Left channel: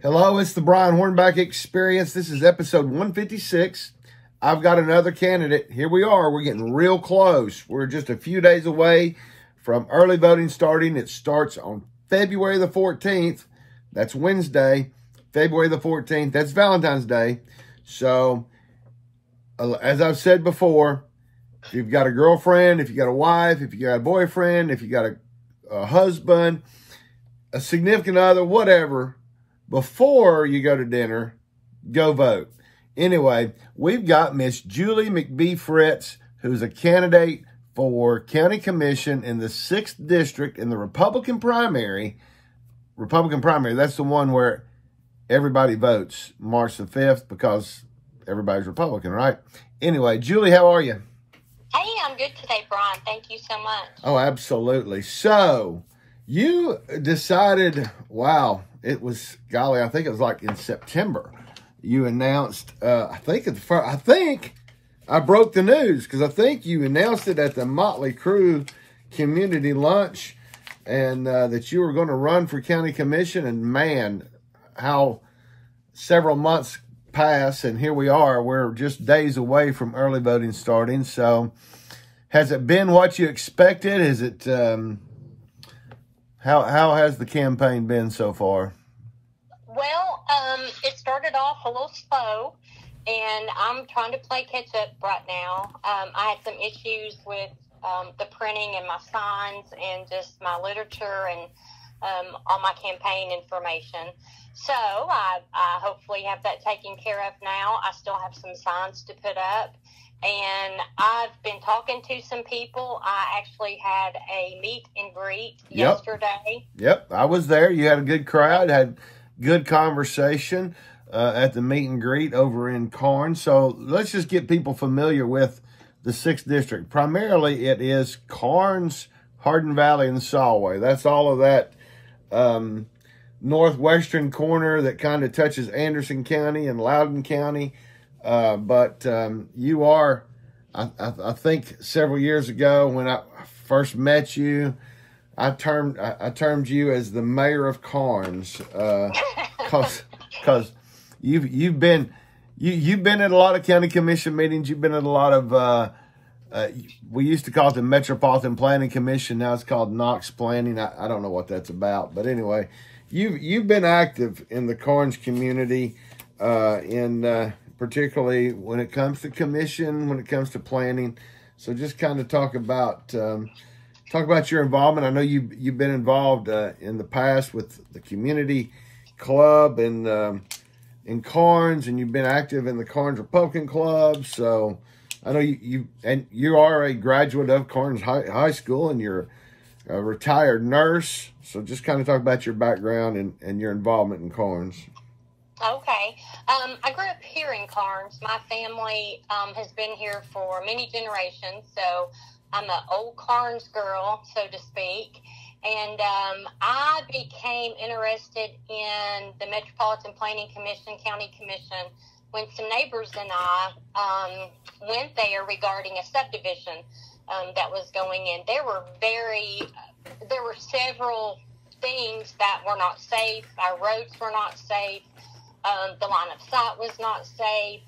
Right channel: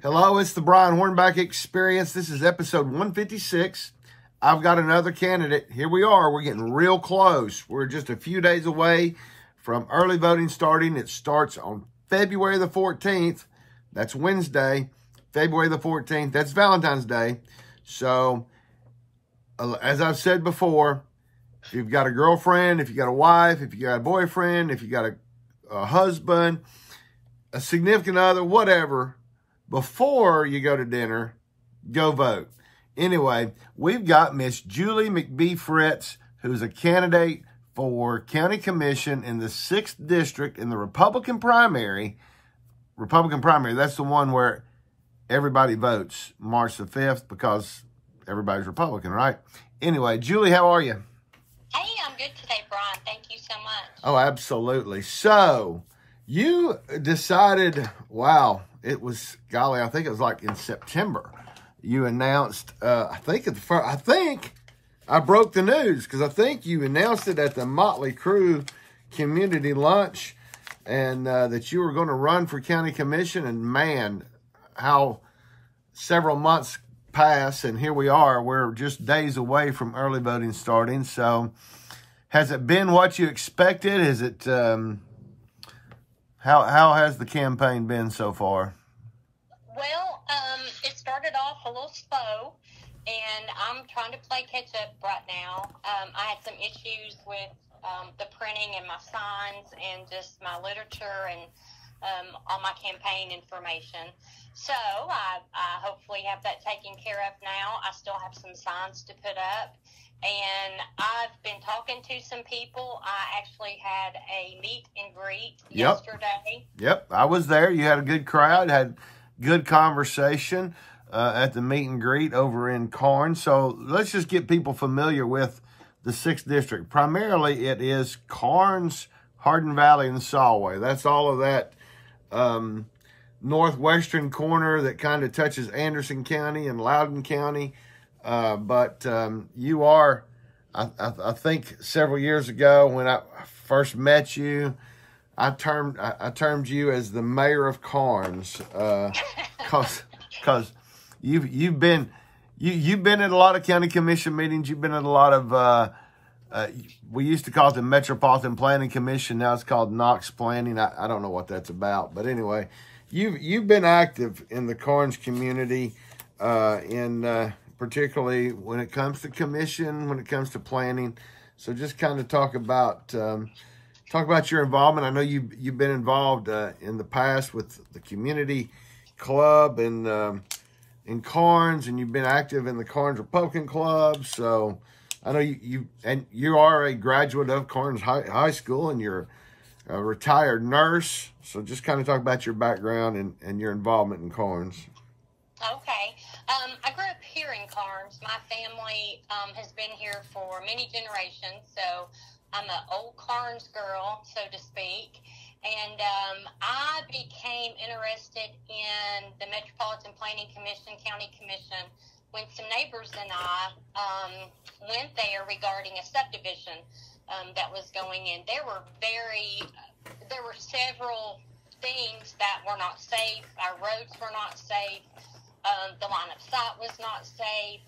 Hello, it's the Brian Hornback Experience. This is episode 156. I've got another candidate. Here we are. We're getting real close. We're just a few days away from early voting starting. It starts on February the 14th. That's Wednesday, February the 14th. That's Valentine's Day. So, as I've said before, if you've got a girlfriend, if you got a wife, if you got a boyfriend, if you got a husband, a significant other, whatever, before you go to dinner, go vote. Anyway, we've got Miss Julie McBee Fritts, who's a candidate for county commission in the 6th district in the Republican primary. That's the one where everybody votes March the 5th because everybody's Republican, right? Anyway, Julie, how are you? Hey, I'm good today, Brian. Thank you so much. Oh, absolutely. So, you decided, wow, it was, golly, I think it was like in September. You announced, I think I broke the news because I think you announced it at the Motley Crue community lunch and that you were going to run for county commission. And man, how several months pass and here we are. We're just days away from early voting starting. So has it been what you expected? Is it, how has the campaign been so far? Well, it started off a little slow, and I'm trying to play catch up right now. I had some issues with the printing and my signs and just my literature and all my campaign information. So I hopefully have that taken care of now. I still have some signs to put up. And I've been talking to some people. I actually had a meet and greet yesterday. Yep, I was there. You had a good crowd, had good conversation at the meet and greet over in Karns. So let's just get people familiar with the 6th district. Primarily, it is Karns, Hardin Valley, and Solway. That's all of that northwestern corner that kind of touches Anderson County and Loudoun County. But you are, I think several years ago when I first met you, I termed you as the mayor of Karns, cause you've been at a lot of county commission meetings. You've been at a lot of, we used to call it the Metropolitan Planning Commission. Now it's called Knox Planning. I don't know what that's about, but anyway, you've been active in the Karns community, particularly when it comes to commission, when it comes to planning. So just kind of talk about your involvement. I know you've been involved in the past with the community club and in Karns, and you've been active in the Karns Republican Club. So I know you are a graduate of Karns High School, and you're a retired nurse. So just kind of talk about your background and your involvement in Karns. Okay. I grew up here in Karns. My family has been here for many generations, so I'm an old Karns girl, so to speak. And I became interested in the Metropolitan Planning Commission, County Commission, when some neighbors and I went there regarding a subdivision that was going in. There were several things that were not safe. Our roads were not safe. The line of sight was not safe.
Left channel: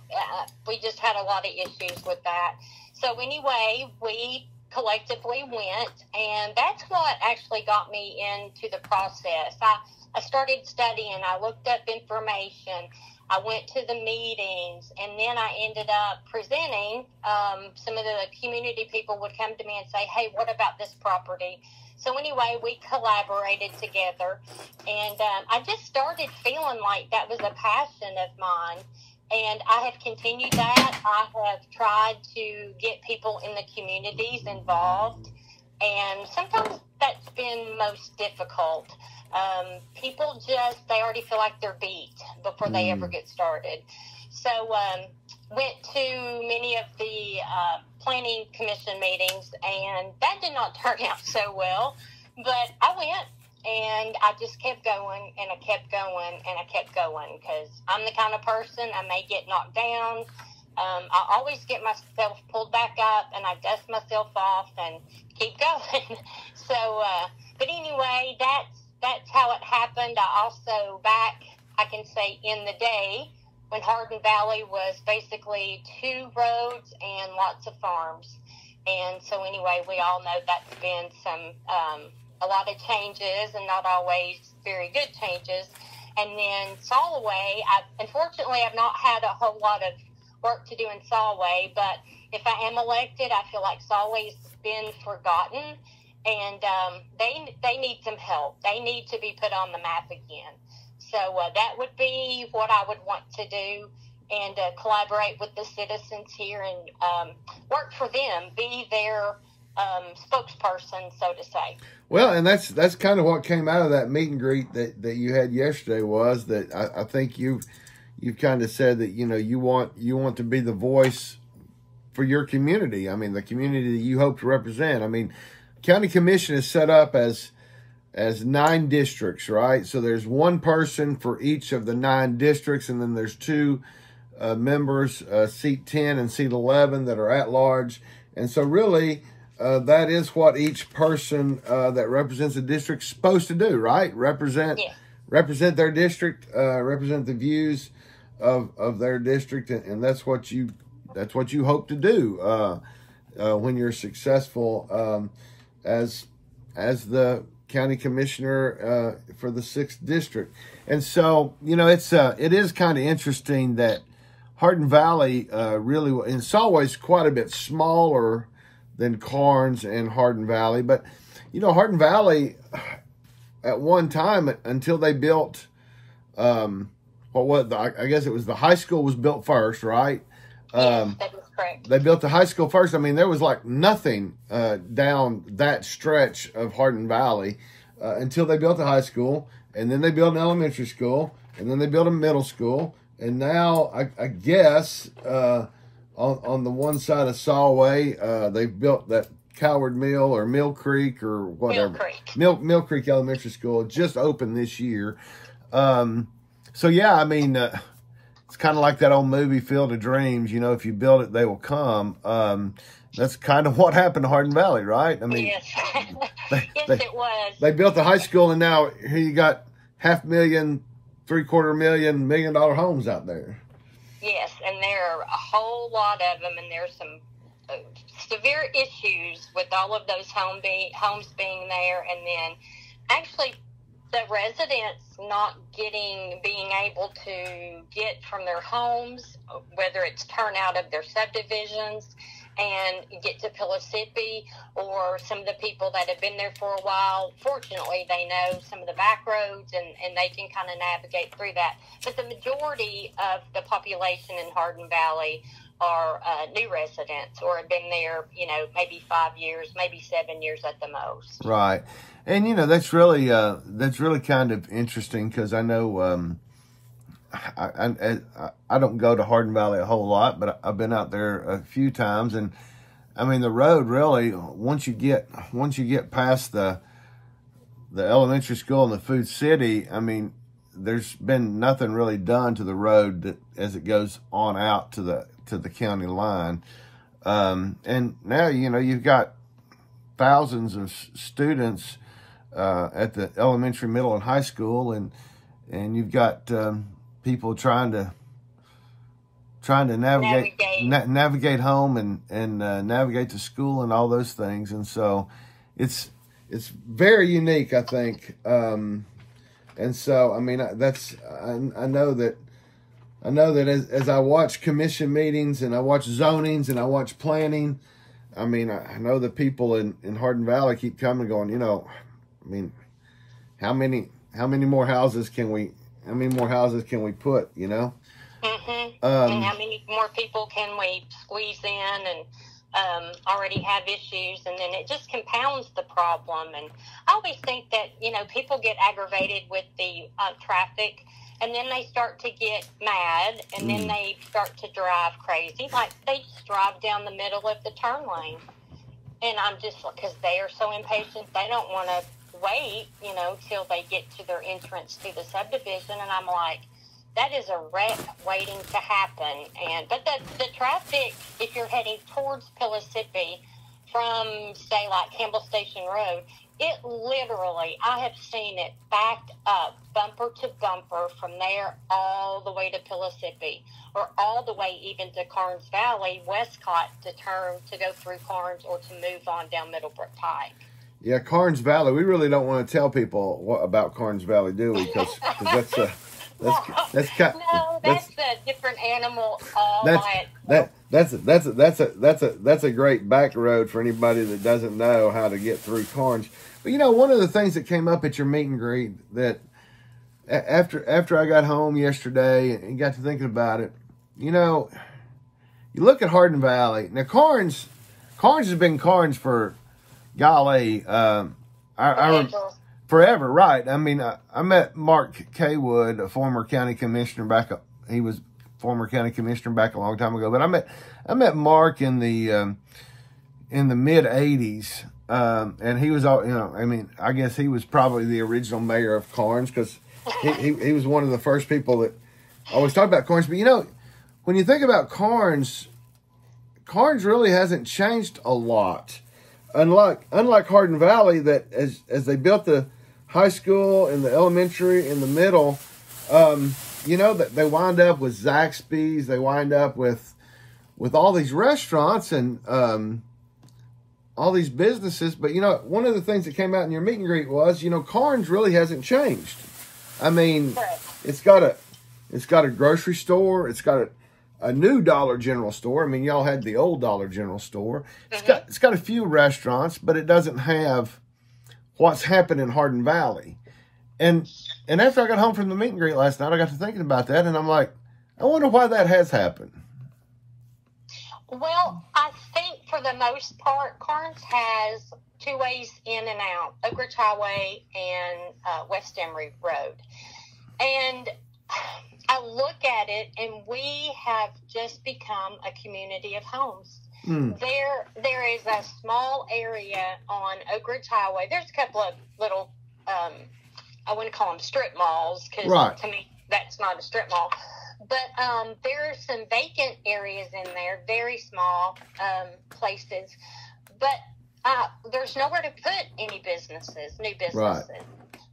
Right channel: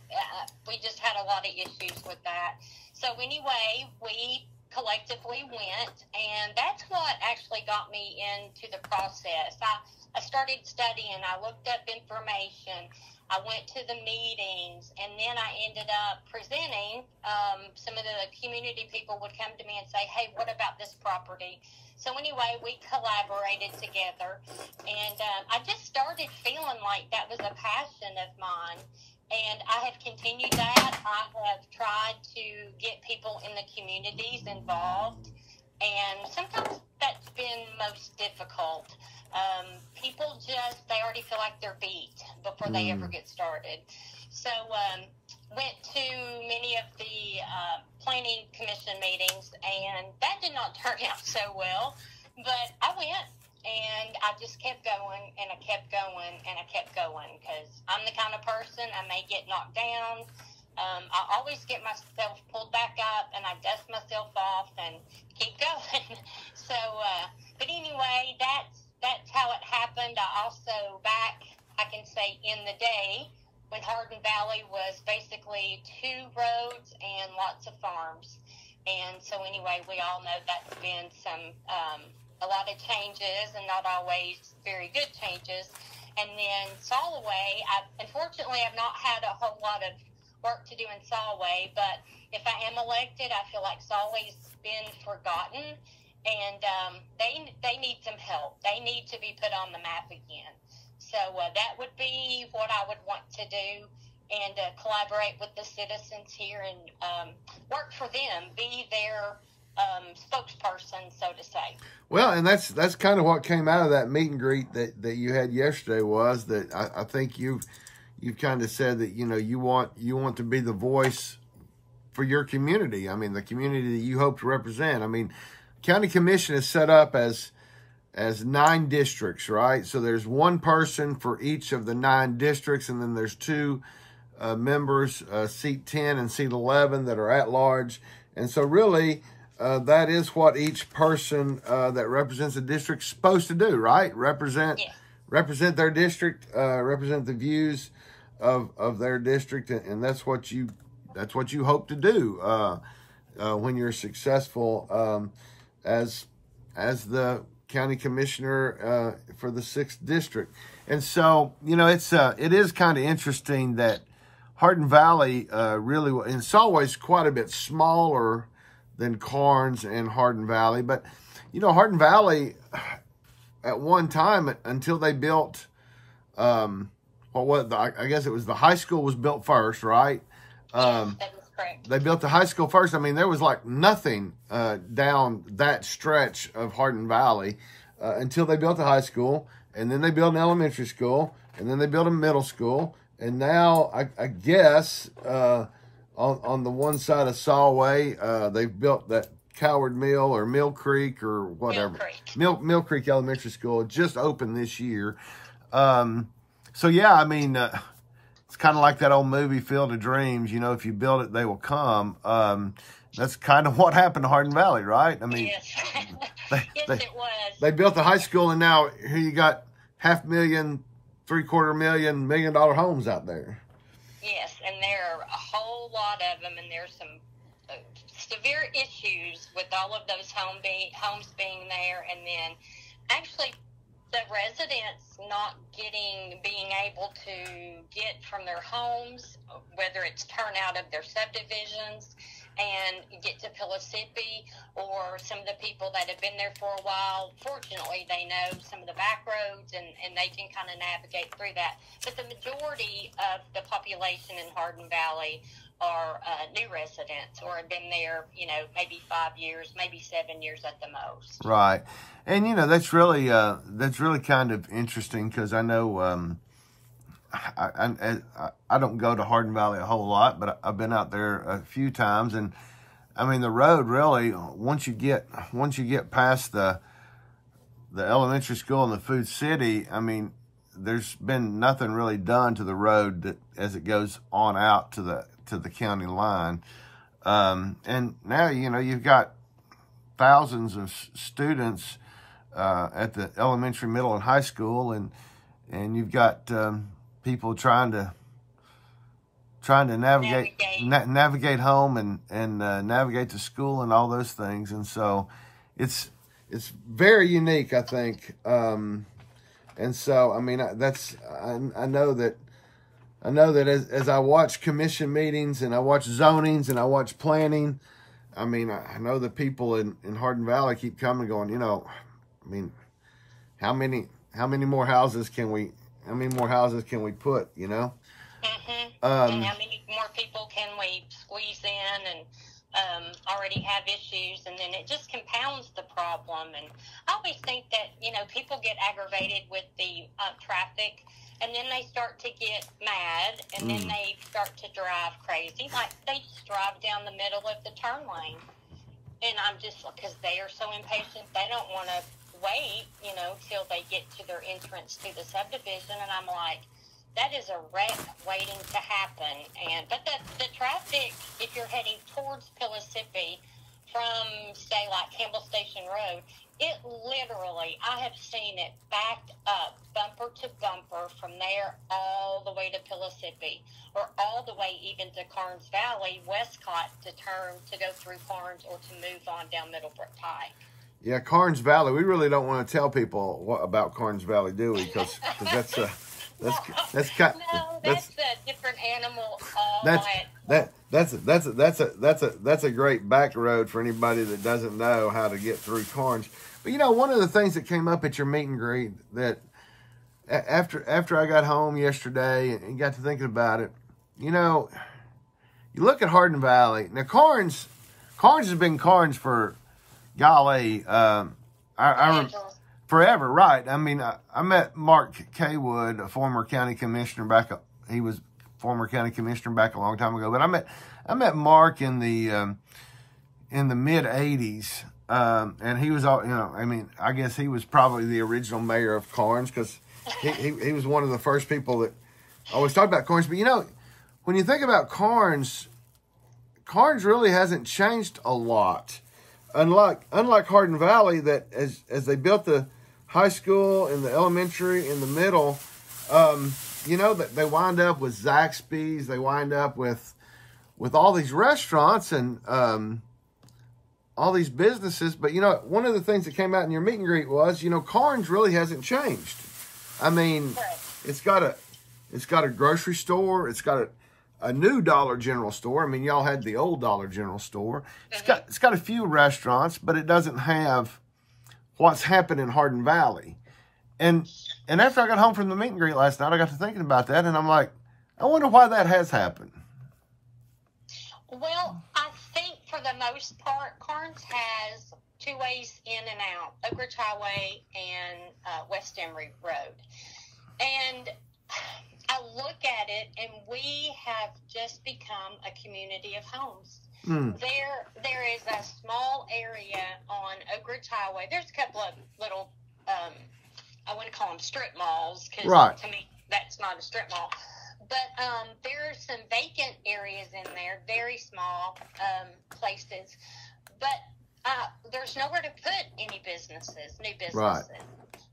We just had a lot of issues with that. So anyway, we collectively went, and that's what actually got me into the process. I started studying. I looked up information. I went to the meetings, and then I ended up presenting. Some of the community people would come to me and say, hey, what about this property? So anyway, we collaborated together, and I just started feeling like that was a passion of mine, and I have continued that. I have tried to get people in the communities involved, and sometimes that's been most difficult. People they already feel like they're beat before they ever get started. So went to many of the planning commission meetings, and that did not turn out so well. But I went, and I just kept going, and I kept going, and I kept going, because I'm the kind of person, I may get knocked down. I always get myself pulled back up, and I dust myself off and keep going. So, but anyway, that's how it happened. I also I can say in the day when Hardin Valley was basically 2 roads and lots of farms. And so anyway, we all know that's been a lot of changes and not always very good changes. And then Solway, unfortunately, I've not had a whole lot of work to do in Solway, but if I am elected, I feel like Solway's been forgotten, and they need some help. They need to be put on the map again. So that would be what I would want to do, and collaborate with the citizens here and work for them, be their spokesperson, so to say. Well, and that's kind of what came out of that meet and greet that you had yesterday, was that I think you've kind of said that, you know, you want to be the voice for your community. I mean, the community that you hope to represent. I mean, county commission is set up as 9 districts, right? So there's one person for each of the 9 districts, and then there's 2 members, seat 10 and seat 11, that are at large. And so really, that is what each person that represents a district is supposed to do, right? Represent their district, represent the views of their district, and that's what you hope to do when you're successful as the county commissioner for the 6th district. And so, you know, it is kind of interesting that Hardin Valley really, and Solway's quite a bit smaller than Karns and Hardin Valley. But, you know, Hardin Valley, at one time, until they built, I guess it was the high school was built first, right? Yes, that is correct. They built the high school first. I mean, there was like nothing down that stretch of Hardin Valley until they built the high school, and then they built an elementary school, and then they built a middle school, and now I guess on the one side of Solway, they've built that Coward Mill or Mill Creek or whatever. Mill Creek Elementary School just opened this year. So yeah, I mean, it's kind of like that old movie Field of Dreams. You know, if you build it, they will come. That's kind of what happened to Hardin Valley, right? I mean, yes, yes, it was. They built the high school, and now here you got $500,000, $750,000, $1 million homes out there. Yes, and there are a whole lot of them, and there's some severe issues with all of those homes being there, and then actually the residents not being able to get from their homes, whether it's turn out of their subdivisions and get to Pellissippi, or some of the people that have been there for a while. Fortunately, they know some of the back roads, and they can kind of navigate through that. But the majority of the population in Hardin Valley are new residents, or have been there, you know, maybe 5 years, maybe 7 years at the most. Right. And, you know, that's really kind of interesting, because I know I don't go to Hardin Valley a whole lot, but I've been out there a few times, and I mean, the road really, once you get past the elementary school and the food city, I mean, there's been nothing really done to the road as it goes on out to the county line. And now, you know, you've got thousands of students at the elementary, middle, and high school, and you've got people trying to navigate home and navigate to school and all those things. And so it's very unique, I think. And so, I mean, I know that as I watch commission meetings, and I watch zonings, and I watch planning, I mean, I know the people in Hardin Valley keep coming, going, you know, I mean, how many more houses can we put, you know? Mm-hmm. And how many more people can we squeeze in, and already have issues, and then it just compounds the problem. And I always think that, you know, people get aggravated with the traffic, and then they start to get mad, and then they start to drive crazy. Like, they just drive down the middle of the turn lane. And I'm just, because they are so impatient, they don't want to wait, you know, till they get to their entrance to the subdivision. And I'm like, that is a wreck waiting to happen. But the traffic, if you're heading towards Pellissippi from, say, like Campbell Station Road, It literally, I have seen it backed up, bumper to bumper, from there all the way to Pellissippi, or all the way even to Karns Valley, Westcott, to turn to go through Karns or to move on down Middlebrook Pike. Yeah, Karns Valley. We really don't want to tell people about Karns Valley, do we? Because that's a that's a different animal. That's a great back road for anybody that doesn't know how to get through Karns. But you know, one of the things that came up at your meet and greet that after I got home yesterday and got to thinking about it, you know, you look at Hardin Valley. Now Karns has been Karns for golly, forever, right? I mean, I met Mark Kaywood, a former county commissioner he was former county commissioner back a long time ago. But I met Mark in the mid '80s, and he was all, you know, I mean, I guess he was probably the original mayor of Karns, because he was one of the first people that always talked about Karns. But you know, when you think about Karns really hasn't changed a lot. Unlike Hardin Valley, that as they built the high school and the elementary in the middle, you know, that they wind up with Zaxby's, they wind up with all these restaurants and all these businesses. But you know, one of the things that came out in your meet and greet was, you know, Karns really hasn't changed. I mean, it's got a grocery store, it's got a new Dollar General store. I mean, y'all had the old Dollar General store. It's got a few restaurants, but it doesn't have what's happened in Hardin Valley. And after I got home from the meet and greet last night, I got to thinking about that, and I'm like, I wonder why that has happened. Well, I think for the most part, Karns has two ways in and out: Oak Ridge Highway and West Emory Road. And I look at it, and we have just become a community of homes. There is a small area on Oak Ridge Highway. There's a couple of little, I wouldn't call them strip malls, because to me that's not a strip mall. But there are some vacant areas in there, very small places. But there's nowhere to put any businesses, new businesses. Right.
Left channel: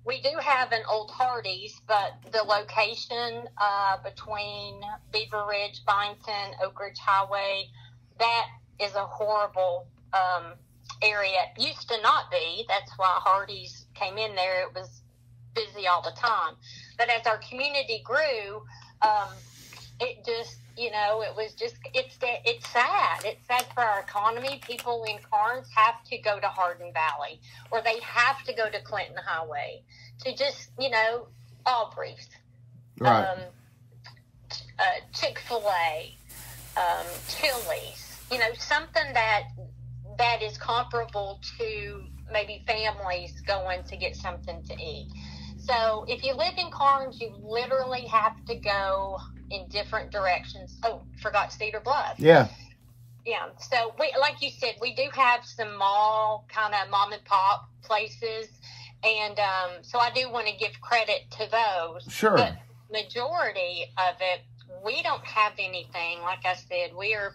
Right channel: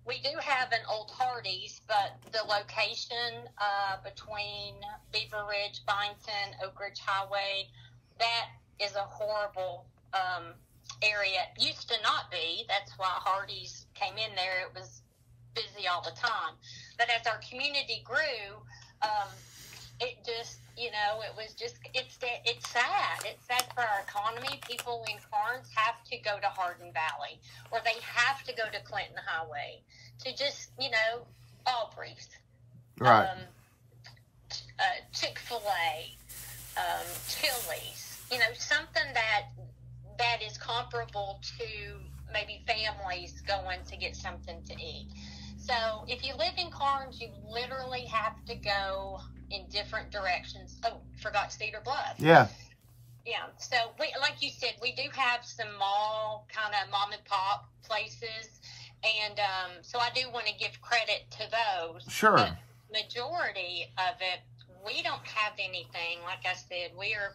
We do have an old Hardee's, but the location between Beaver Ridge, Byington, Oak Ridge Highway, that is a horrible area. It used to not be. That's why Hardee's came in there. It was busy all the time. But as our community grew, it just, you know, it's sad. It's sad for our economy. People in Karns have to go to Hardin Valley, or they have to go to Clinton Highway to just, you know, Aubrey's, right? Chick-fil-A, Chili's, you know, something that is comparable to maybe families going to get something to eat. So if you live in Karns, you literally have to go in different directions. Oh, forgot Cedar Bluff. Yeah. Yeah. So we, like you said, we do have some mall kind of mom and pop places, and so I do want to give credit to those. Sure. But majority of it, we don't have anything. Like I said, we're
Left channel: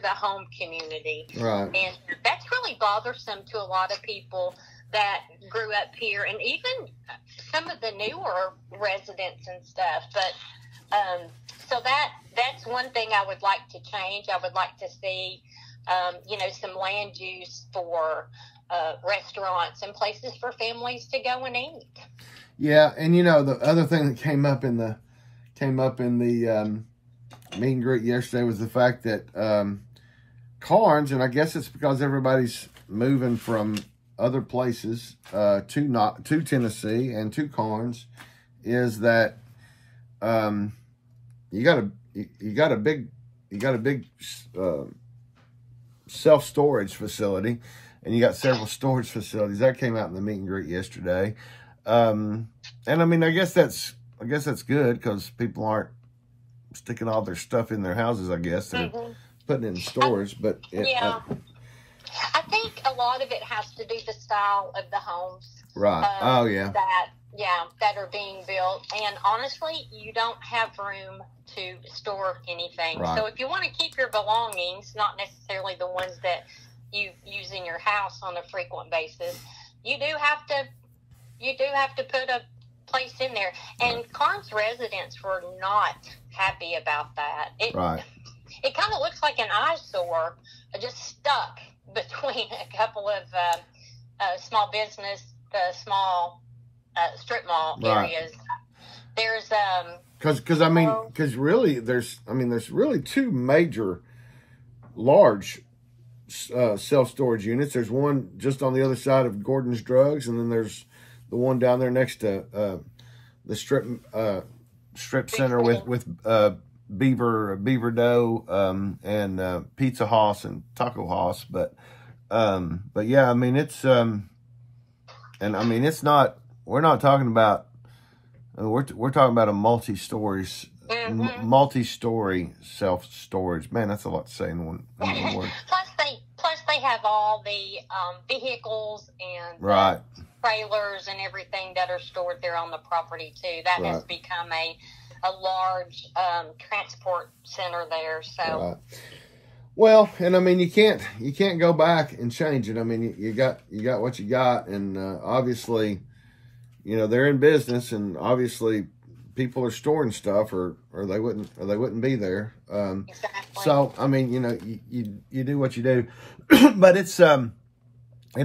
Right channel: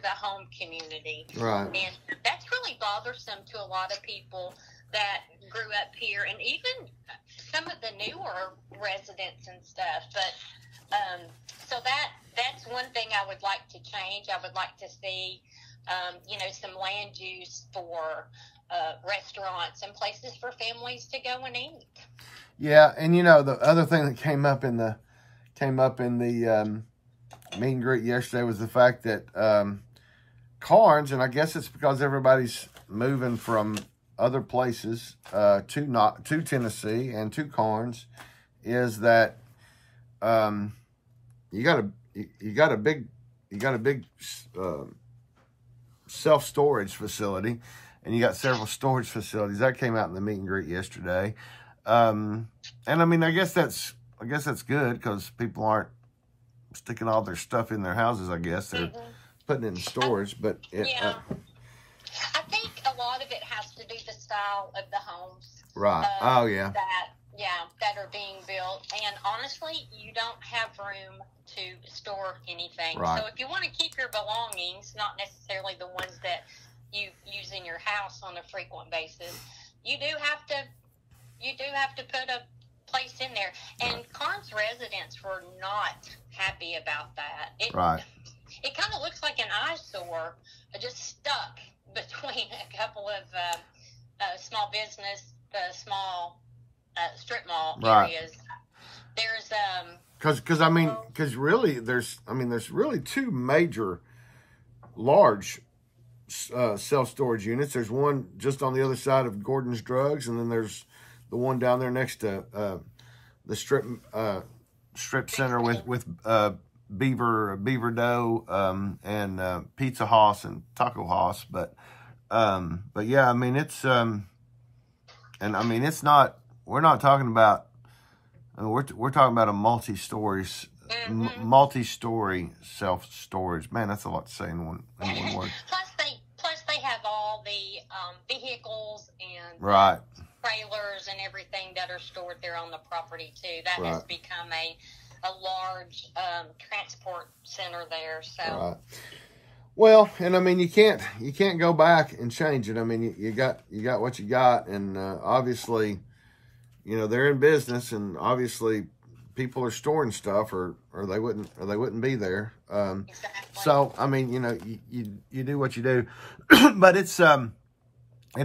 the home community. Right. And that's really bothersome to a lot of people that grew up here, and even some of the newer residents and stuff. But so that's one thing I would like to change. I would like to see, you know, some land use for restaurants and places for families to go and eat. Yeah, and you know, the other thing that came up in the meet and greet yesterday was the fact that Karns, and I guess it's because everybody's moving from other places to Tennessee and to Karns, is that you got a big self-storage facility, and you got several storage facilities that came out in the meet and greet yesterday. And I mean, I guess that's good, because people aren't sticking all their stuff in their houses. I guess they're putting it in storage, but yeah. I think a lot of it has to do the style of the homes. Right. That are being built. And honestly, you don't have room to store anything. Right. So if you want to keep your belongings, not necessarily the ones that you use in your house on a frequent basis, you do have to put a place in there. And Karns residents were not happy about that. Right. It kind of looks like an eyesore, just stuck between a couple of small business, small strip mall areas. There's because really there's really two major large self-storage units. There's one just on the other side of Gordon's Drugs, and then there's the one down there next to the strip center with Beaver Dough and Pizza House and Taco House. But yeah, I mean it's and I mean it's not. We're not talking about. We're talking about a multi-story self-storage. Man, that's a lot to say in one word. Plus they have all the vehicles and right. trailers and everything that are stored there on the property too. That has become a large transport center there. So. Right. Well, and I mean you can't go back and change it. I mean you got what you got, and obviously. You know, they're in business, and obviously people are storing stuff or they wouldn't be there. Exactly. So, I mean, you know, you do what you do, but it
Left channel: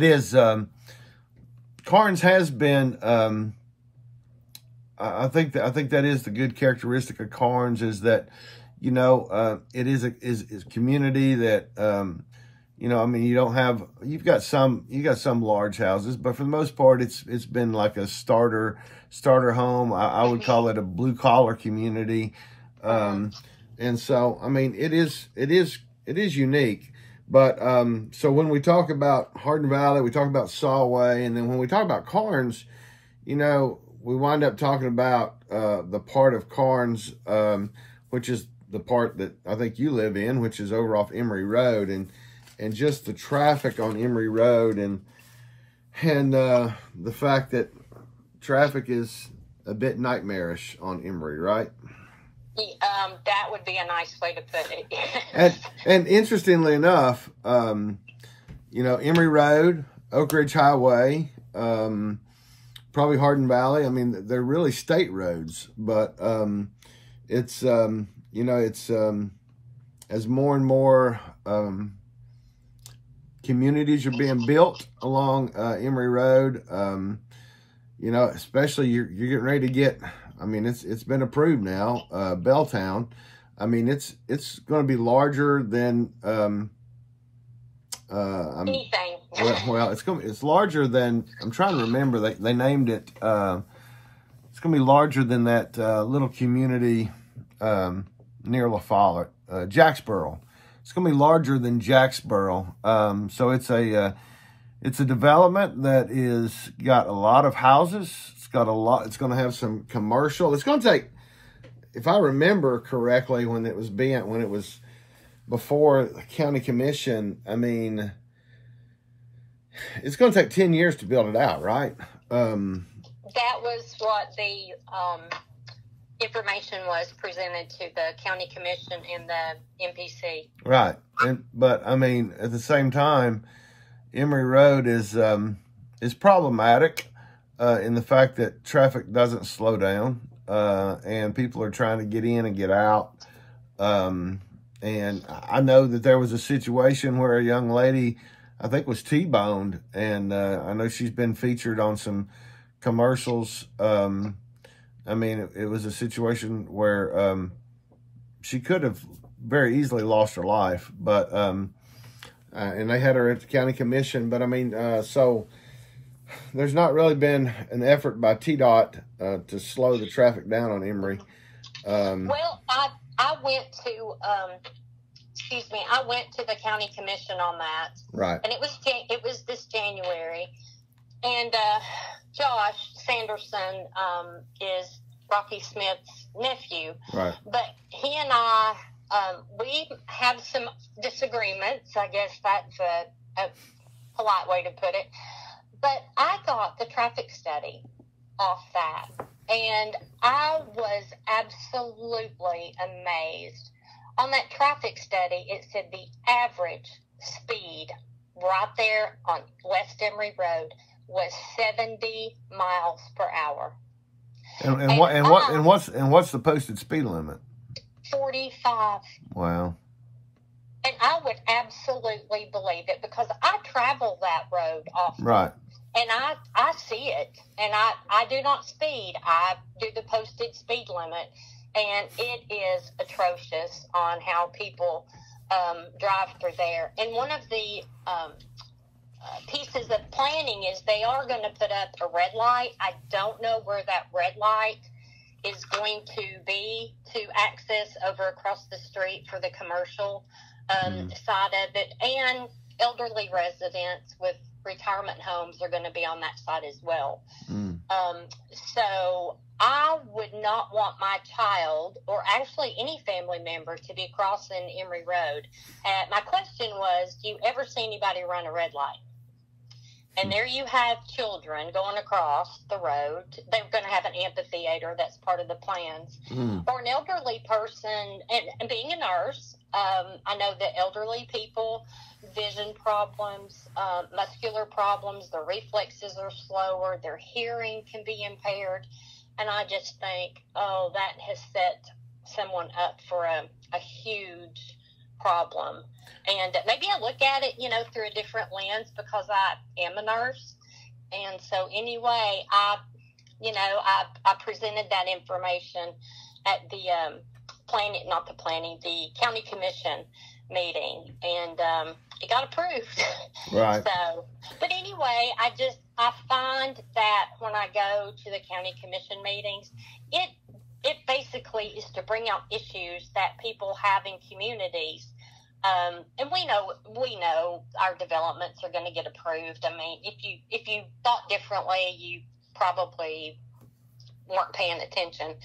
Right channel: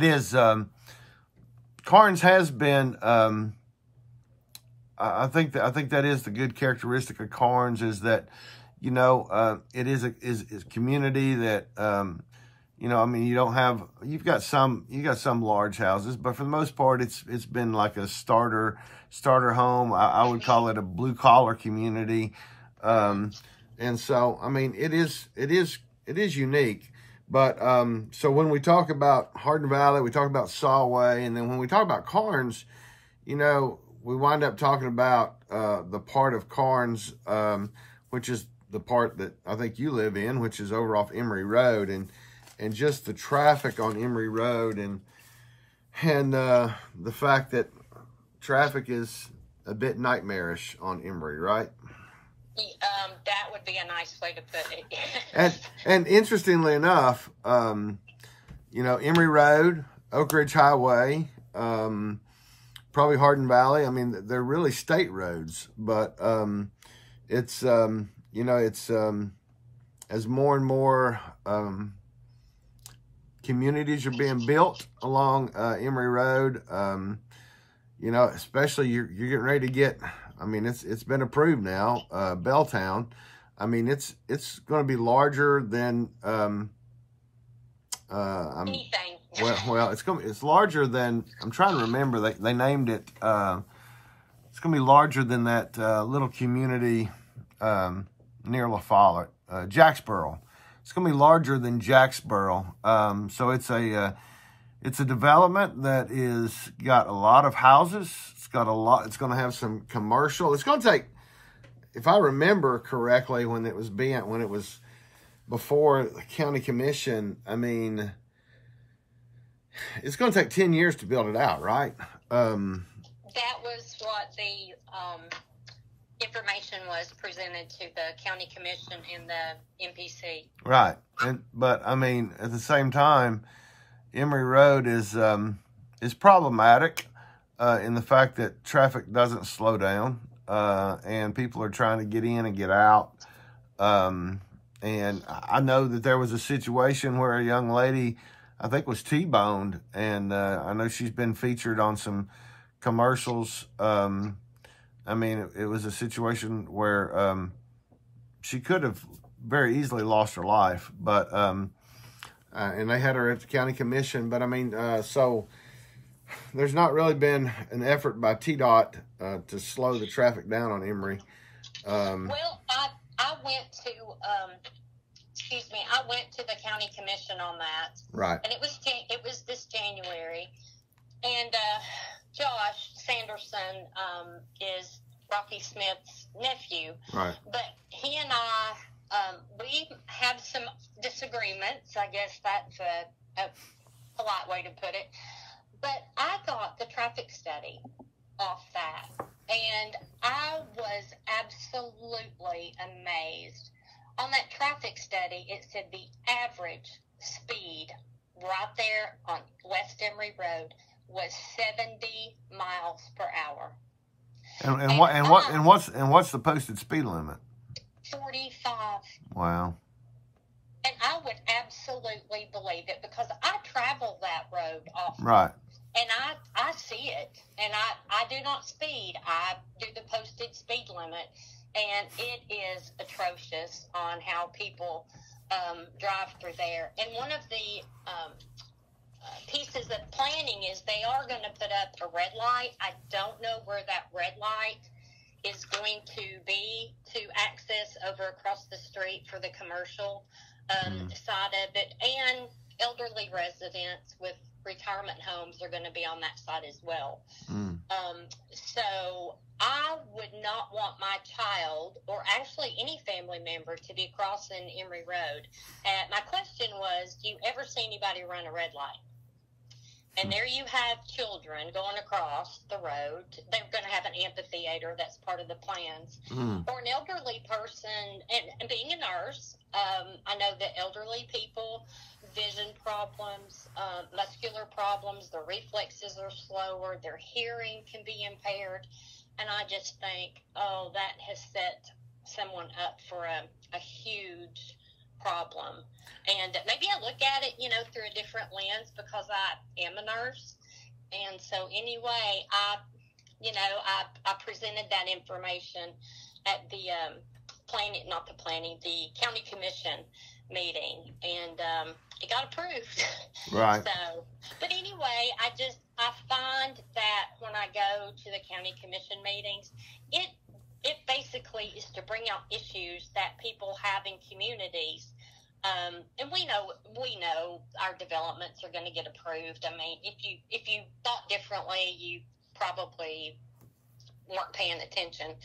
is, Karns has been, I think that is the good characteristic of Karns is that, you know, it is community that, you know, I mean, you've got some large houses, but for the most part, it's been like a starter home. I would call it a blue collar community. And so, I mean, it is unique. But, so when we talk about Hardin Valley, we talk about Solway, and then when we talk about Karns, you know, we wind up talking about, the part of Karns, which is the part that I think you live in, which is over off Emory Road. And just the traffic on Emory Road and the fact that traffic is a bit nightmarish on Emory, right? That would be a nice way to put it. and interestingly enough, you know, Emory Road, Oak Ridge Highway, probably Hardin Valley. I mean, they're really state roads, but it's you know, it's as more and more communities are being built along Emory Road. You know, especially you're getting ready to get. I mean, it's been approved now. Belltown. I mean, it's going to be larger than. Anything. Well, it's larger than. I'm trying to remember. They named it. It's going to be larger than that little community near La Follette, Jacksboro. It's going to be larger than Jacksboro. So it's a development that is got a lot of houses. It's got a lot. It's going to have some commercial. It's going to take, if I remember correctly, when it was before the county commission. I mean, it's going to take 10 years to build it out, right? That was what the information was presented to the county commission and the MPC. Right. But I mean, at the same time, Emory Road is problematic in the fact that traffic doesn't slow down, and people are trying to get in and get out. And I know that there was a situation where a young lady, I think, was T-boned, and I know she's been featured on some commercials. I mean, it was a situation where she could have very easily lost her life, but and they had her at the county commission. But I mean, so there's not really been an effort by TDOT to slow the traffic down on Emory. Well, I went to I went to the county commission on that, right? And it was this January, and Josh Sanderson is Rocky Smith's nephew. Right. But he and I, we have some disagreements. I guess that's a polite way to put it. But I got the traffic study off that, and I was absolutely amazed. On that traffic study, it said the average speed right there on West Emory Road was 70 miles per hour. What's the posted speed limit? 45. Wow. And I would absolutely believe it because I travel that road often. Right. And I see it. And I do not speed. I do the posted speed limit. And it is atrocious on how people drive through there. And one of the pieces of planning is they are going to put up a red light. I don't know where that red light is going to be to access over across the street for the commercial side of it. And elderly residents with retirement homes are going to be on that side as well. So I would not want my child or actually any family member to be crossing Emory Road. My question was, do you ever see anybody run a red light? And there you have children going across the road. They're going to have an amphitheater. That's part of the plans. Or an elderly person, and being a nurse, I know that elderly people, vision problems, muscular problems, their reflexes are slower, their hearing can be impaired. And I just think, that has set someone up for a huge problem. And maybe I look at it, through a different lens because I am a nurse. And so anyway, I presented that information at the the county commission meeting, and it got approved. Right. So, but anyway, I find that when I go to the county commission meetings, it basically is to bring out issues that people have in communities. And we know our developments are going to get approved. I mean, if you thought differently, you probably weren't paying attention.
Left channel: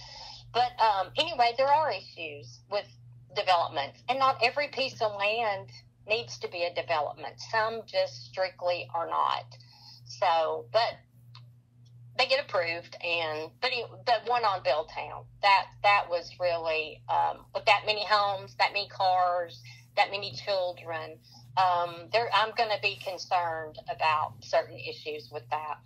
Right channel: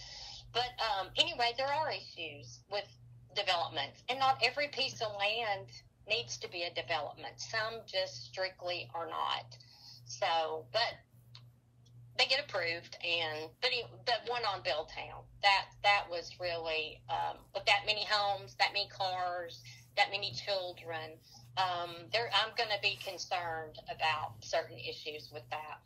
But anyway, there are issues with developments, and not every piece of land needs to be a development. Some just strictly are not. So, but they get approved, but the one on Belltown, that was really with that many homes, that many cars, that many children. I'm going to be concerned about certain issues with that.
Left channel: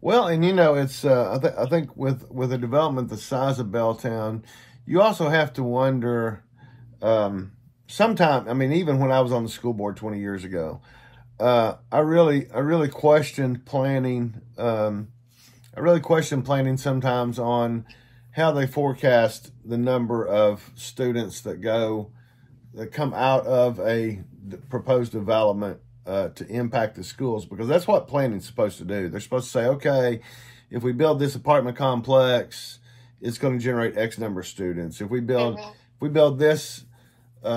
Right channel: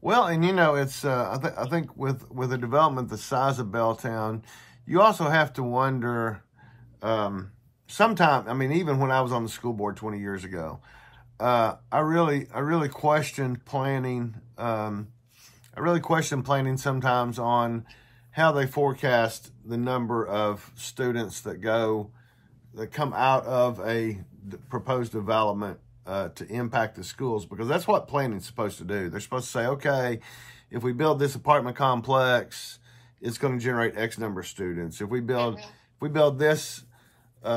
Well, and it's I think with a development the size of Belltown, you also have to wonder. Sometimes, I mean, even when I was on the school board 20 years ago, I really questioned planning. I really questioned planning sometimes on how they forecast the number of students that come out of a proposed development to impact the schools, because that's what planning's supposed to do. They're supposed to say, okay, if we build this apartment complex, it's going to generate X number of students. If we build this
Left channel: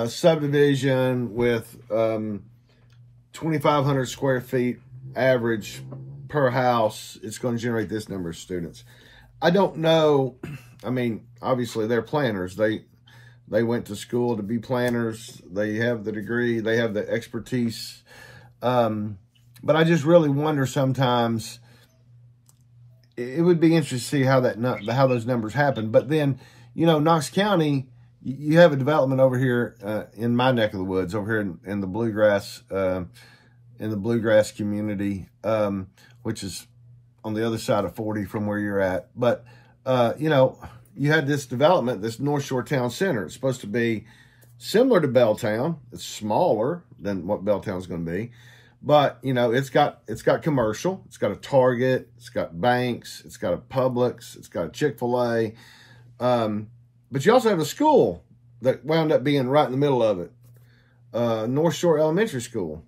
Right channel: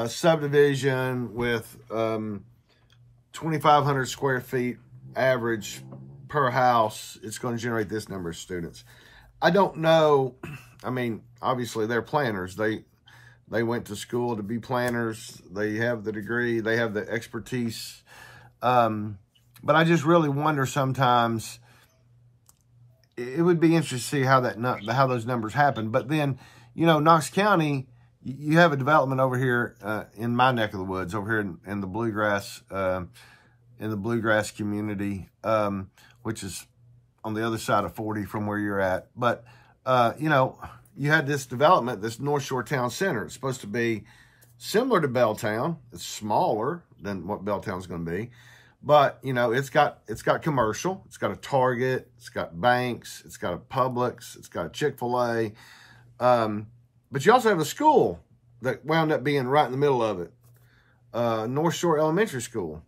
subdivision with 2,500 square feet average per house, it's going to generate this number of students. I don't know. I mean, obviously they're planners. They went to school to be planners. They have the degree. They have the expertise. But I just really wonder sometimes. It would be interesting to see how those numbers happen. But then, Knox County, you have a development over here in my neck of the woods, over here in the bluegrass community, which is on the other side of 40 from where you're at. But you had this development, this North Shore Town Center. It's supposed to be similar to Belltown. It's smaller than what Belltown's going to be. But, it's got commercial. It's got a Target. It's got banks. It's got a Publix. It's got a Chick-fil-A. But you also have a school that wound up being right in the middle of it. North Shore Elementary School.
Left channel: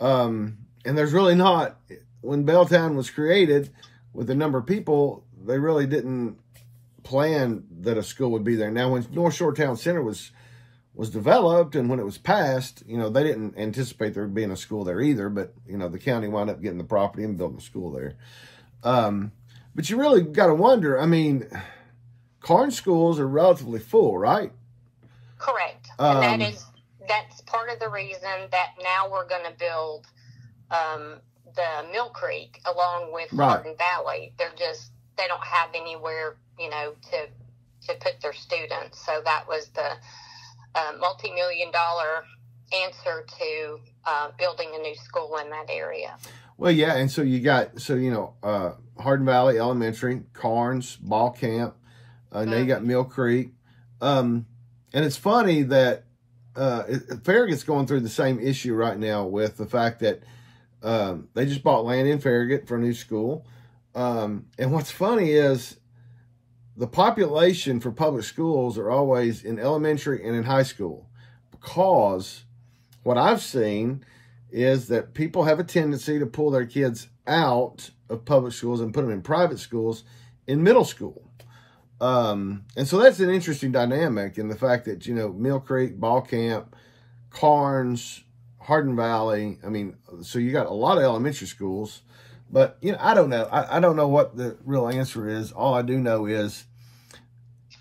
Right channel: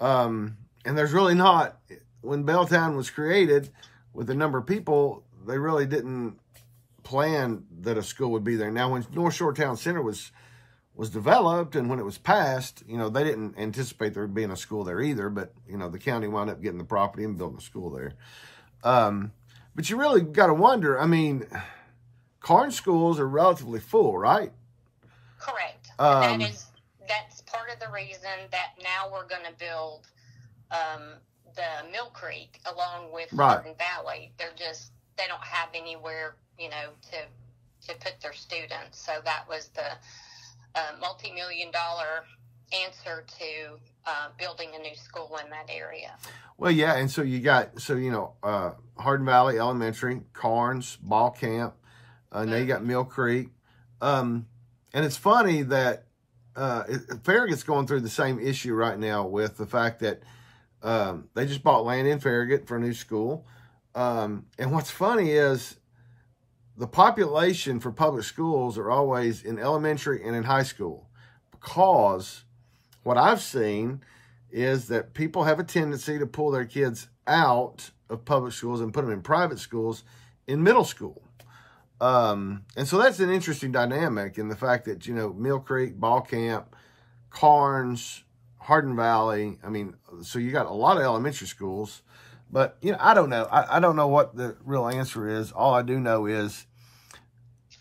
And there's really not, when Belltown was created with the number of people, they really didn't plan that a school would be there. Now, when North Shore Town Center was developed and when it was passed, they didn't anticipate there being a school there either, but, the county wound up getting the property and building a school there. But you really got to wonder, I mean, Karns schools are relatively full, right? Correct. That's part of the reason that now we're going to build the Mill Creek along with Hardin Valley. They don't have anywhere, to put their students. So that was the multi-million-dollar answer to building a new school in that area. Well, yeah, and so you got, Hardin Valley Elementary, Karns, Ball Camp, now you got Mill Creek. And it's funny that Farragut's going through the same issue right now with the fact that they just bought land in Farragut for a new school. And what's funny is the population for public schools are always in elementary and in high school, because what I've seen is that people have a tendency to pull their kids out of public schools and put them in private schools in middle school. And so that's an interesting dynamic in the fact that, Mill Creek, Ball Camp, Karns, Hardin Valley, so you got a lot of elementary schools, but, I don't know. I don't know what the real answer is. All I do know is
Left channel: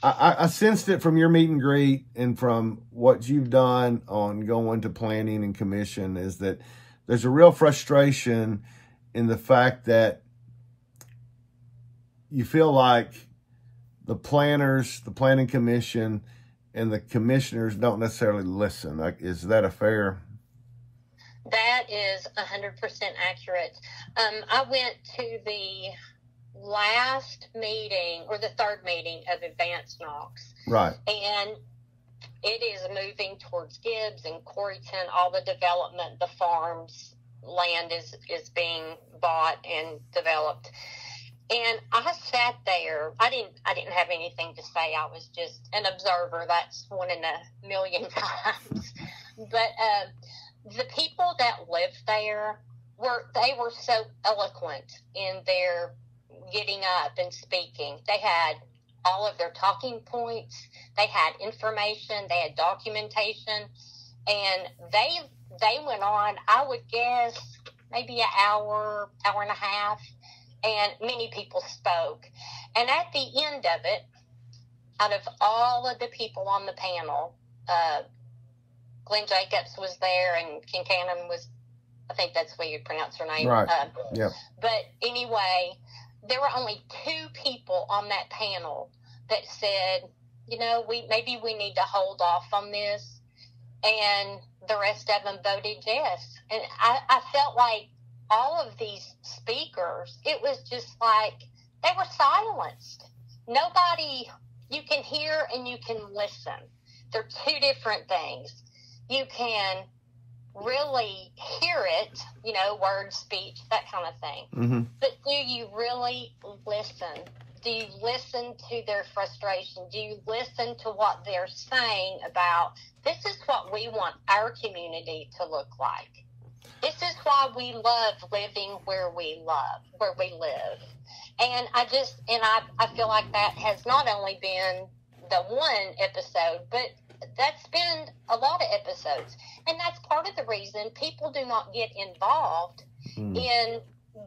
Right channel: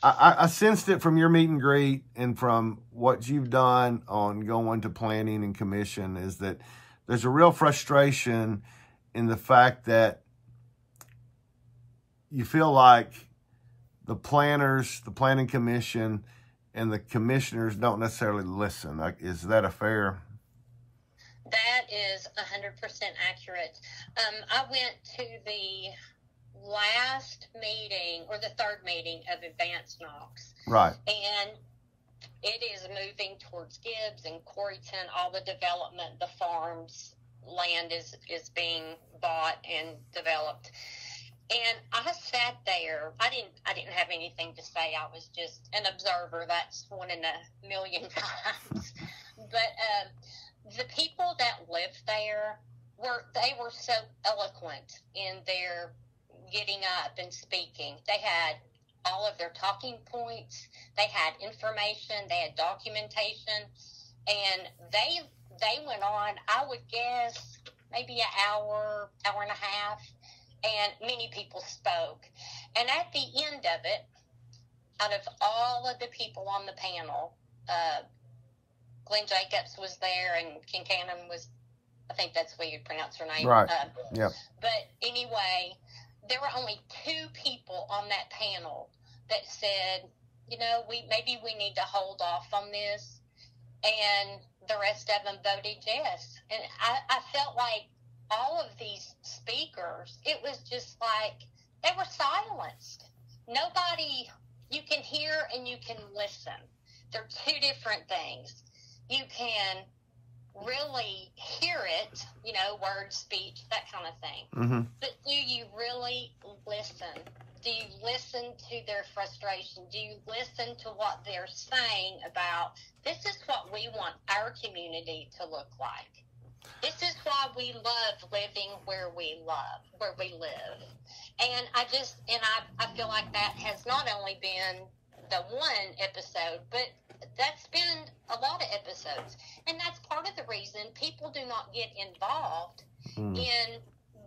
I sensed it from your meet and greet and from what you've done on going to planning and commission, is that there's a real frustration in the fact that you feel like the planners, the planning commission, and the commissioners don't necessarily listen. Is that a fair? That is 100% accurate. I went to the last meeting, or the third meeting of Advanced Knox. Right. And it is moving towards Gibbs and Coreyton, all the development, the farms, land is being bought and developed. And I sat there. I didn't have anything to say. I was just an observer. That's one in a million times. But the people that lived there were so eloquent in their getting up and speaking. They had all of their talking points. They had information. They had documentation, and they went on, I would guess, maybe an hour and a half, and many people spoke. And at the end of it, out of all of the people on the panel, Glenn Jacobs was there, and Kincannon was, I think that's the way you pronounce her name. Right. Yeah. But anyway, there were only 2 people on that panel that said, maybe we need to hold off on this, and the rest of them voted yes. And I felt like all of these speakers, it was just like they were silenced. Nobody, you can hear and you can listen. They're 2 different things. You can really hear it, words, speech, that kind of thing. Mm-hmm. But do you really listen? Do you listen to their frustration? Do you listen to what they're saying about, this is what we want our community to look like? This is why we love living where we live. And I feel like that has not only been the one episode, but that's been a lot of episodes. And that's part of the reason people do not get involved in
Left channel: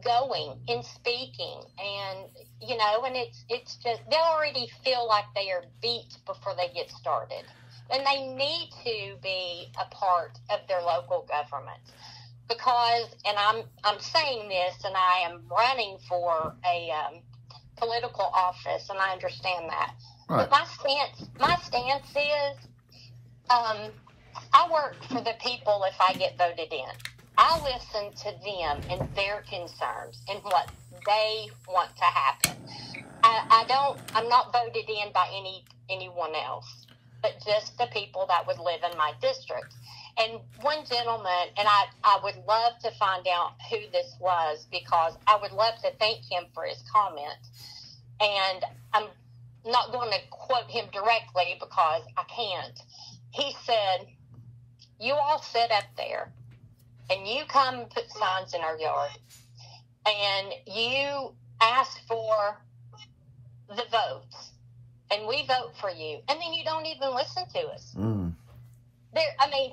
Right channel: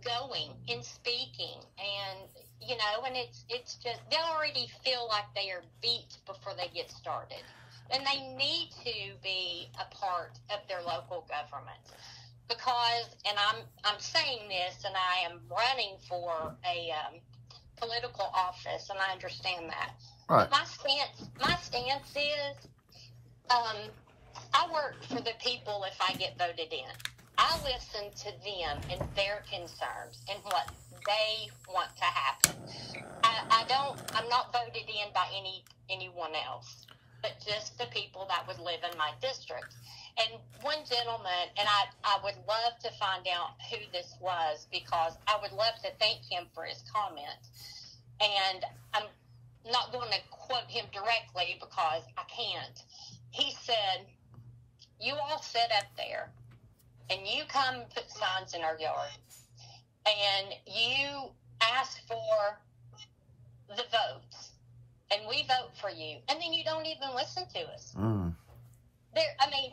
going, in speaking, and, and it's just, they already feel like they are beat before they get started. And they need to be a part of their local government. Because, and I'm saying this, and I am running for a political office, and I understand that. Right. But my stance is, I work for the people if I get voted in. I listen to them and their concerns and what they want to happen. I'm not voted in by anyone else, but just the people that would live in my district. And one gentleman, and I would love to find out who this was, because I would love to thank him for his comment. And I'm not going to quote him directly because I can't. He said, you all sit up there and you come and put signs in our yard and you ask for the votes and we vote for you, and then you don't even listen to us.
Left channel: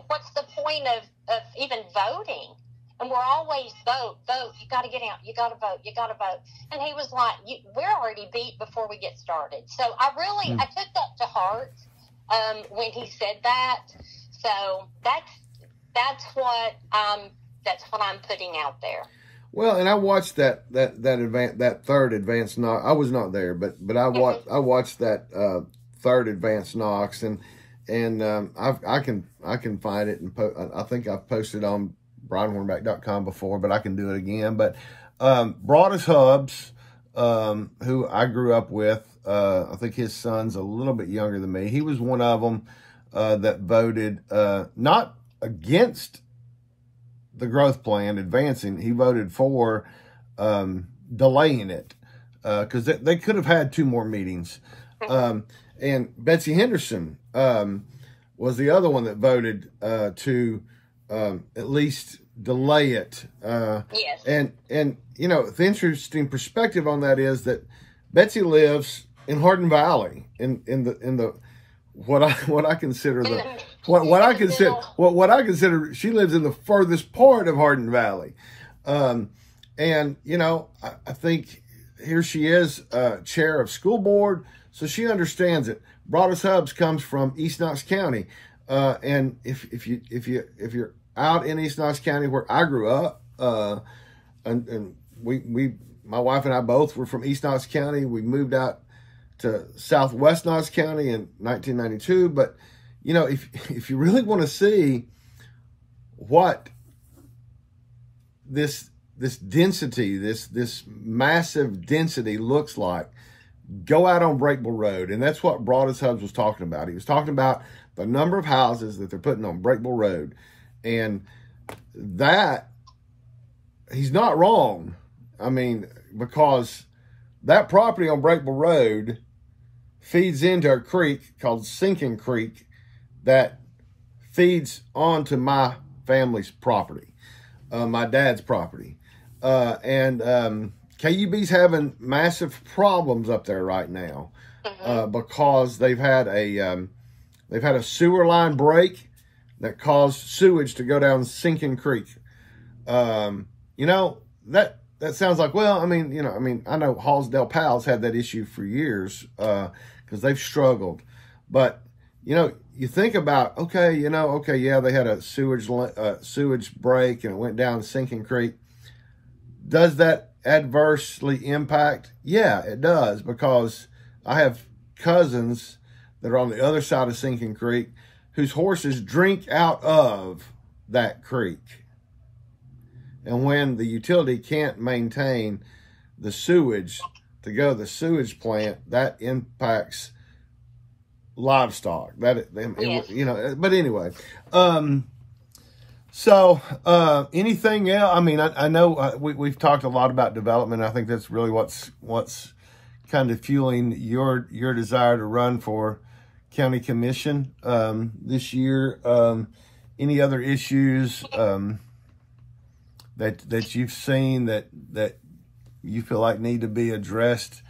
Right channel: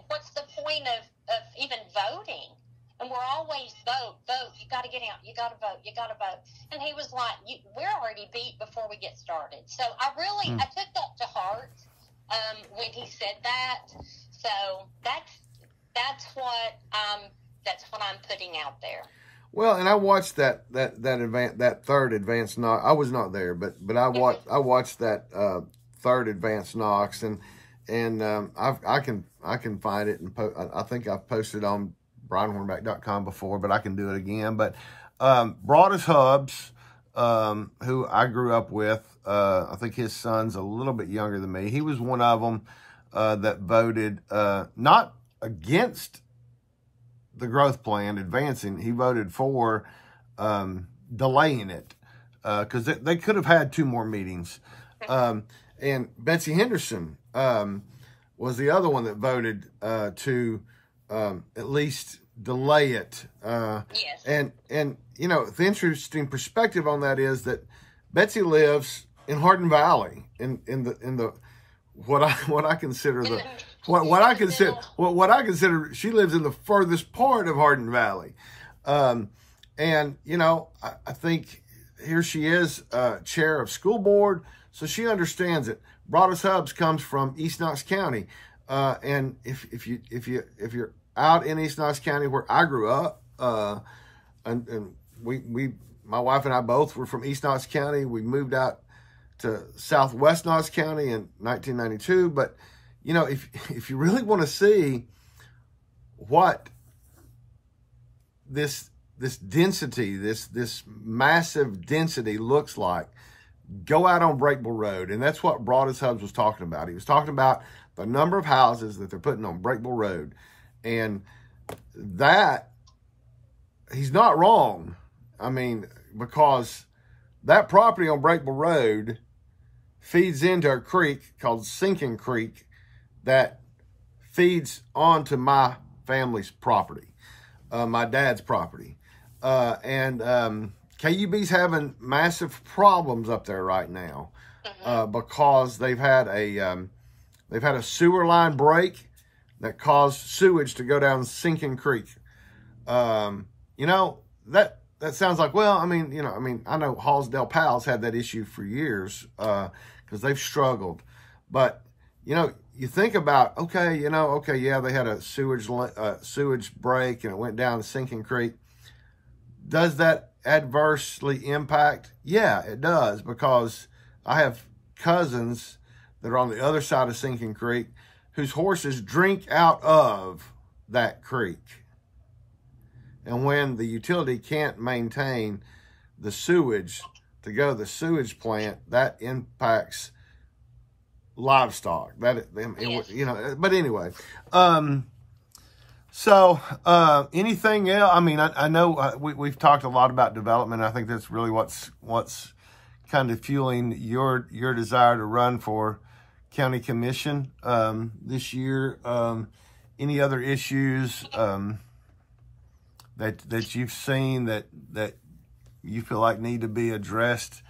What's the point of even voting? And we're always vote, you got to get out, you got to vote. And he was like, we're already beat before we get started. So I took that to heart when he said that. So that's what I'm putting out there. Well, and I watched that third advanced Knox. I was not there, but I watched that third advanced Knox, and I can find it, and I think I've posted on brianhornback.com before, but I can do it again. But Broadus Hubbs, who I grew up with, I think his son's a little bit younger than me. He was one of them that voted not against the growth plan advancing. He voted for delaying it because they could have had 2 more meetings. And Betsy Henderson was the other one that voted to at least delay it. Yes. And you know, the interesting perspective on that is that Betsy lives in Hardin Valley, in the what I consider the what I consider she lives in the furthest part of Hardin Valley. And you know, I think here she is, chair of school board, so she understands it. Broadus Hubbs comes from East Knox County, and if you're out in East Knox County where I grew up, and my wife and I both were from East Knox County. We moved out to Southwest Knox County in 1992. But you know, if you really want to see what this density, this massive density looks like, go out on Breakable Road. And that's what Broadus Hubbs was talking about. He was talking about the number of houses that they're putting on Breakable Road. And that, he's not wrong. I mean, because that property on Breakable Road feeds into a creek called Sinking Creek that feeds onto my family's property, my dad's property. KUB's having massive problems up there right now because they've had a sewer line break that caused sewage to go down Sinking Creek. You know, that sounds like, well, I mean, I know Hallsdale Pals had that issue for years because they've struggled. But, you know, you think about, yeah, they had a sewage break and it went down Sinking Creek. Does that adversely impact? Yeah, it does, because I have cousins that are on the other side of Sinking Creek whose horses drink out of that creek. And when the utility can't maintain the sewage to go to the sewage plant, that impacts livestock. You know, but anyway. So anything else? I mean, I know we've talked a lot about development. I think that's really what's kind of fueling your desire to run for county commission this year. Any other issues that you've seen that you feel like need to be addressed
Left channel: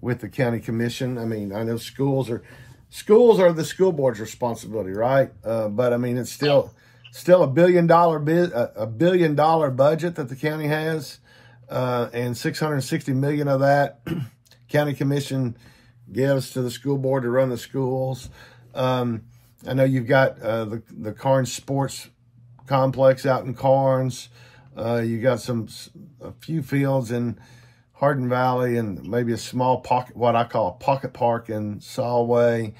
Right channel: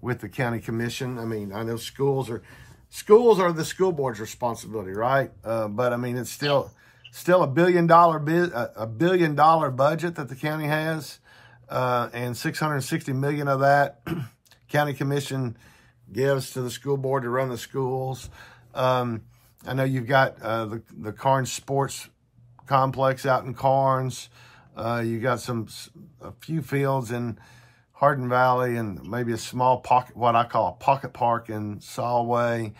with the county commission? I mean, I know schools are the school board's responsibility, right? But I mean, it's still $1 billion budget that the county has, and $660 million of that county commission gives to the school board to run the schools. I know you've got the Karns sports complex out in Karns. You got a few fields in Hardin Valley and maybe a small pocket, what I call a pocket park in Solway.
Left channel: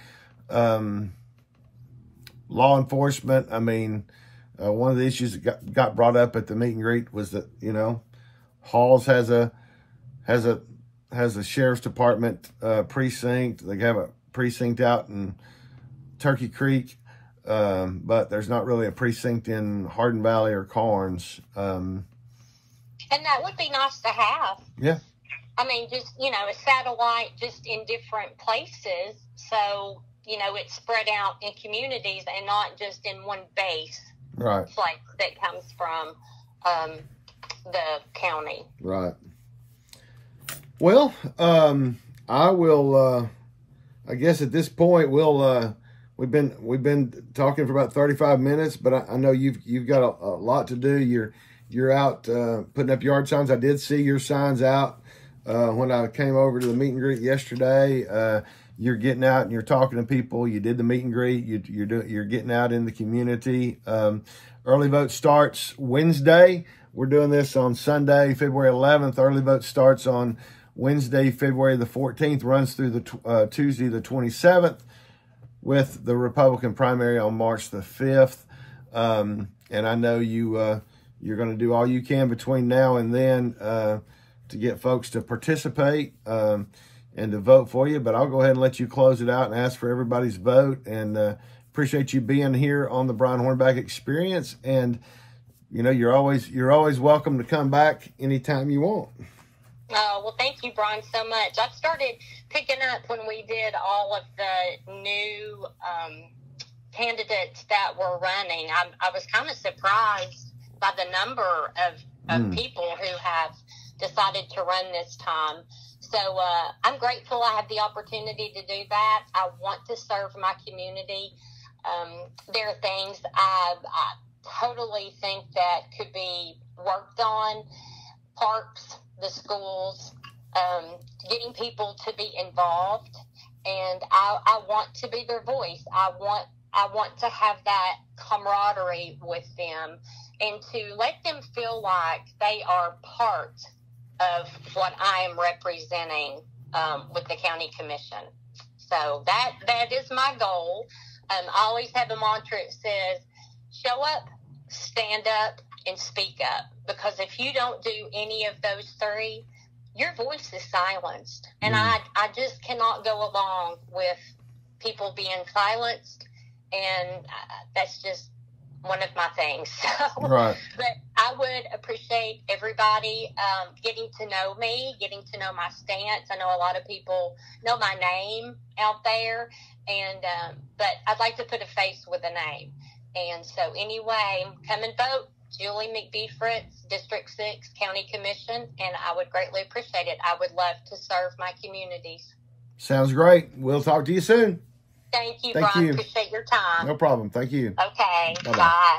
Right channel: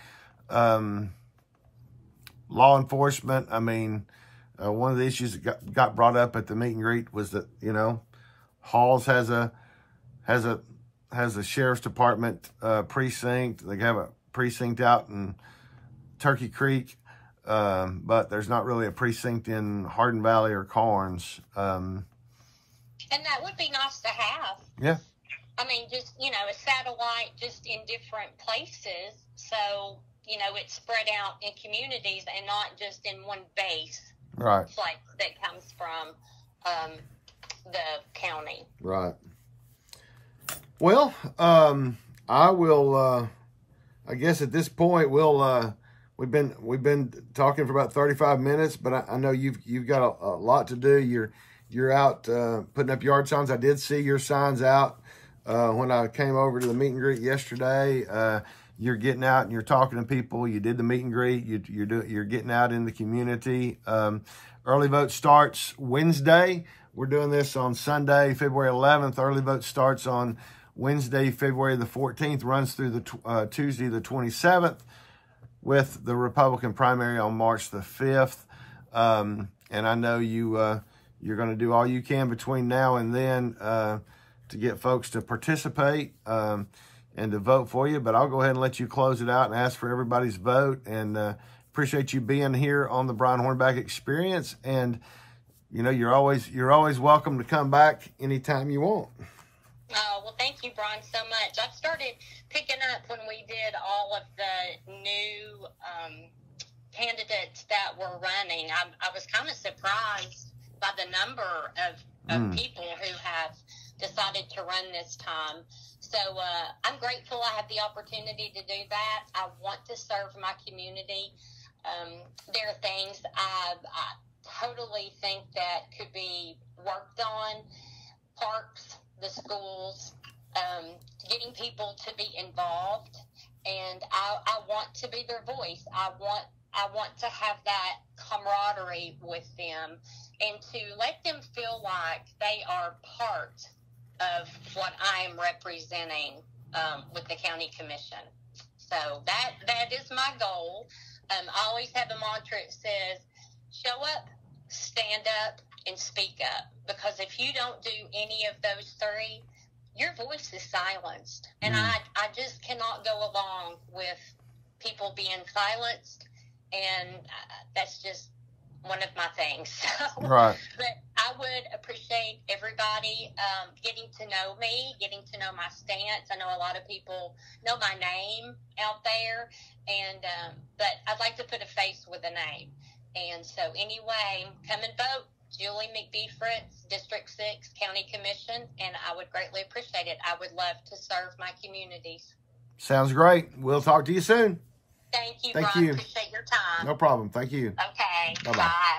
Law enforcement. I mean, one of the issues that got brought up at the meet and greet was that, you know, Halls has a sheriff's department precinct. They have a precinct out in Turkey Creek, but there's not really a precinct in Hardin Valley or Karns. And that would be nice to have. Yeah. I mean, just, you know, a satellite just in different places. So, you know, it's spread out in communities and not just in one base. Right. Like that comes from the county. Right. Well, I will, I guess at this point we've been talking for about 35 minutes, but I know you've got a lot to do. You're out putting up yard signs. I did see your signs out when I came over to the meet and greet yesterday. You're getting out and you're talking to people. You did the meet and greet. You're getting out in the community. Early vote starts Wednesday. We're doing this on Sunday, February 11th. Early vote starts on Wednesday, February the 14th, runs through the Tuesday the 27th, with the Republican primary on March the 5th. And I know you You're going to do all you can between now and then to get folks to participate and to vote for you. But I'll go ahead and let you close it out and ask for everybody's vote. And appreciate you being here on the Brian Hornback Experience. And, you know, you're always welcome to come back anytime you want. Oh, well, thank you, Brian, so much. I started picking up when we did all of the new candidates that were running. I was kind of surprised by the number of people who have decided to run this time. So I'm grateful I have the opportunity to do that. I want to serve my community. There are things I totally think that could be worked on. Parks, the schools, getting people to be involved, and I want to be their voice. I want to have that camaraderie with them and to let them feel like they are part of what I am representing with the county commission. So that is my goal. I always have a mantra that says, show up, stand up, and speak up. Because if you don't do any of those three, your voice is silenced. And I just cannot go along with people being silenced. And that's just one of my things. So, right. But I would appreciate everybody getting to know me, getting to know my stance. I know a lot of people know my name out there, and but I'd like to put a face with a name. And so anyway, come and vote. Julie McBee Fritts, District 6, County Commission, and I would greatly appreciate it. I would love to serve my communities. Sounds great. We'll talk to you soon. Thank you, Thank Brian. you. Appreciate your time. No problem. Thank you. Okay. Bye-bye. Bye.